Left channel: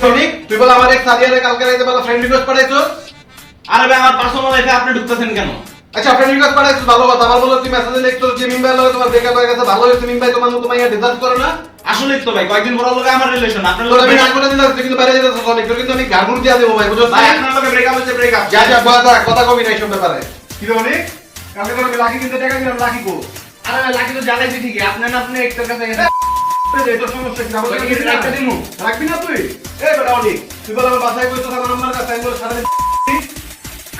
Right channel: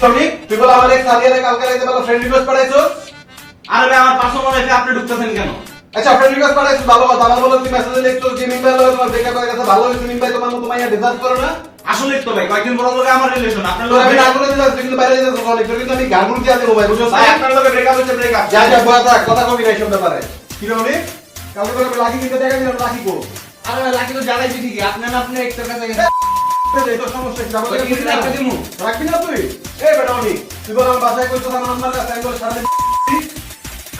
Sonic তুই বল আমার এক সাদিয়ারে কালকে রাতে বলা ফ্রেন্ড রিকোয়েস্ট পাঠাইছো। আরে ভাই আমার পার্সোনাল লাইফে আপনি ঢুকতেছেন কেন? আচ্ছা ফ্রেন্ড রিকোয়েস্ট পাঠাইছো ভালো কথা, আমার বলো তুই মেসেজে লিখছো যে মিম্বাই লগে তোমার ব্রেকআপ হয়ে গেছে, ভালো হয়েছে মিম্বাই তোমার মতো মাইয়া ডিজার্ভ করে না। আসলে তো ভাই কয়েকদিন পর লগে আমার রিলেশন, আপনার তোর আমি লগে না করে দিলাম তুই কিন্তু বাইরে যেতে সনিক, তোর কিন্তু আমি গার্গুন দিয়া দেবো ভাই, বুঝছো? ভাই আপনার লগে ব্রেকআপ হইছে, ব্রেকআপ যা যা কথা কথা কবি নাই সব ব্যাপারে। কি রে অনেক কালকে করে আমি লাকি কিনতে টাকা দিলাম, লাকি কো আরে ভাই লাকি তো জ্বালাইছি ঠিকই, আপনার না আপনি একটা কাছে এই তো সমস্যা কি আমাকে ওই কিছু কি রাখতে দিমু? রাখবি না তুই? এই বেটা অনেক তুই বল আমার বাসায় কইছো আমার নাম্বার কাছে আমি বল সারাদিন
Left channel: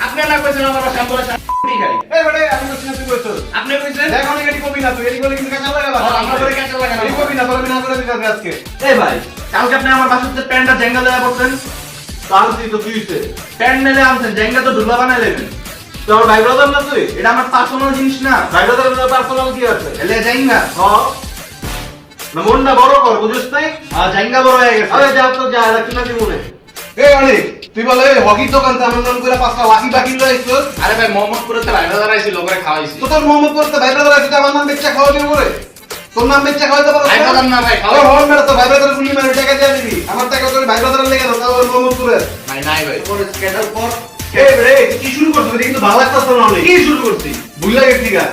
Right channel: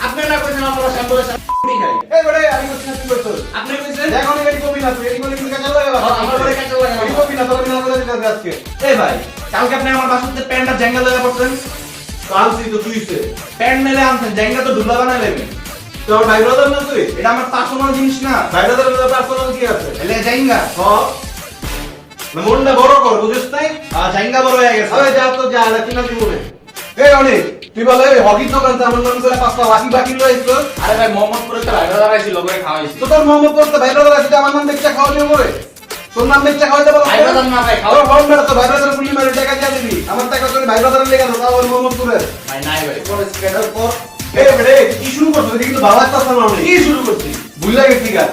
আপনি না কইছেন আমার শান্তরে শান্তি খাই, এই বেটা আমি কইছি না তুই কইছো আপনি কইছেন দেখ অনেক এটি কবি না তুই এটি বলে কিন্তু কাঁচা লাগা আমার ঘরে কাঁচা লাগা না। এই কবি না তোর আমি না করে দিতে আজকে এই ভাই কালকে আপনি আমার বাসাতে প্যান্টটা জ্যাঙ্গা লয়ে পড়ছেন, কালসি তো তুইছে প্যান্ট মেলে আনছেন, জ্যাঙ্গা তো ঢুলা বানাই নেবেন। তোর ভাই ব্রাদার না তুই? এটা আমার পার্সোনাল জিনিস না, ভাই ব্রাদারের পার্সোনাল কি আছে? এলে জ্যাঙ্গা না মনটা বড় কর, বুঝছ নাই? জ্যাঙ্গা বড় হয়ে গেছে। আরে যাও তো যা, এটা কিনা দিমু রে। এই অনেক তুই বলে হকির দোকান তো আমার নাম করে পাঁচটা লাকি বাকি লইছো। আরে ভাই মোহাম্মদপুরে তো ভাইরা দাঁড়াইছিল করে খাওয়াইছি। তো তোর মোহাম্মদ করতে ভাই ব্রাদার আছে আমার নাম বেচা খাওয়াবি করে। তোর নাম বেচা খাওয়াইতে পারো? ভাই ব্রাদার না ভাই, খাওয়া হল মেরে তো ভাই ব্রাদার গুলি মারি টাকা দিয়ে দিবি। আমার টাকা তোর ভাই ব্রাদারের লেগে না, তাও মোহাম্মদ করে। ভাই নাই ভাই। পরে স্ক্যানার কর। এই রে কি শুরু করছিস? এটা কিন্তু ভালো লাগতাছে না অনেক। কি শুরু করছি? ভুলে গেছি গা।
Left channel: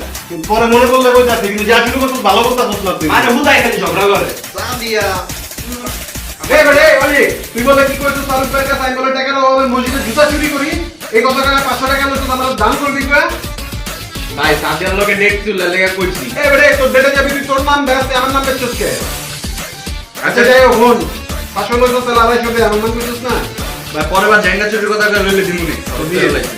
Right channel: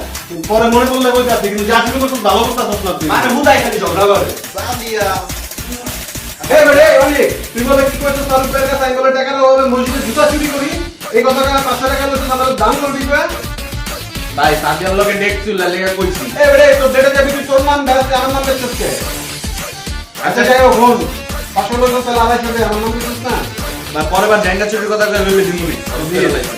পরে মনে পড়লে কইতাছি কিন্তু যা শুরু করছিস ভালো করতাছিস না তুই। মানে বুঝাই খালি ঝগড়া করে। সাদিয়া এই রে অনেক তুই বলে কি করছিস? সারুক ভাইয়ের কাছে আমি বলে টাকা দাও, আমি মসজিদে জুতা চুরি করি। এই কথাটা 500 টাকা লইছিস, আমার দান করবি কই? ভাই সাদিয়ার লগে ডেট ছিল লেগে কইছি। এই রে তোর ডেটে যাবি তুই, তোর নাম বেরাতে আমার নাম বেচছিস কে? আচ্ছা যাই হোক হন 500 লইছিস তাহলে 250 দে, আমার নাম বেচছিস না। ভাই পরের বার জ্যাঙ্গা চুরির কথা কইলে দিমুনি। দিয়ে যাইছি।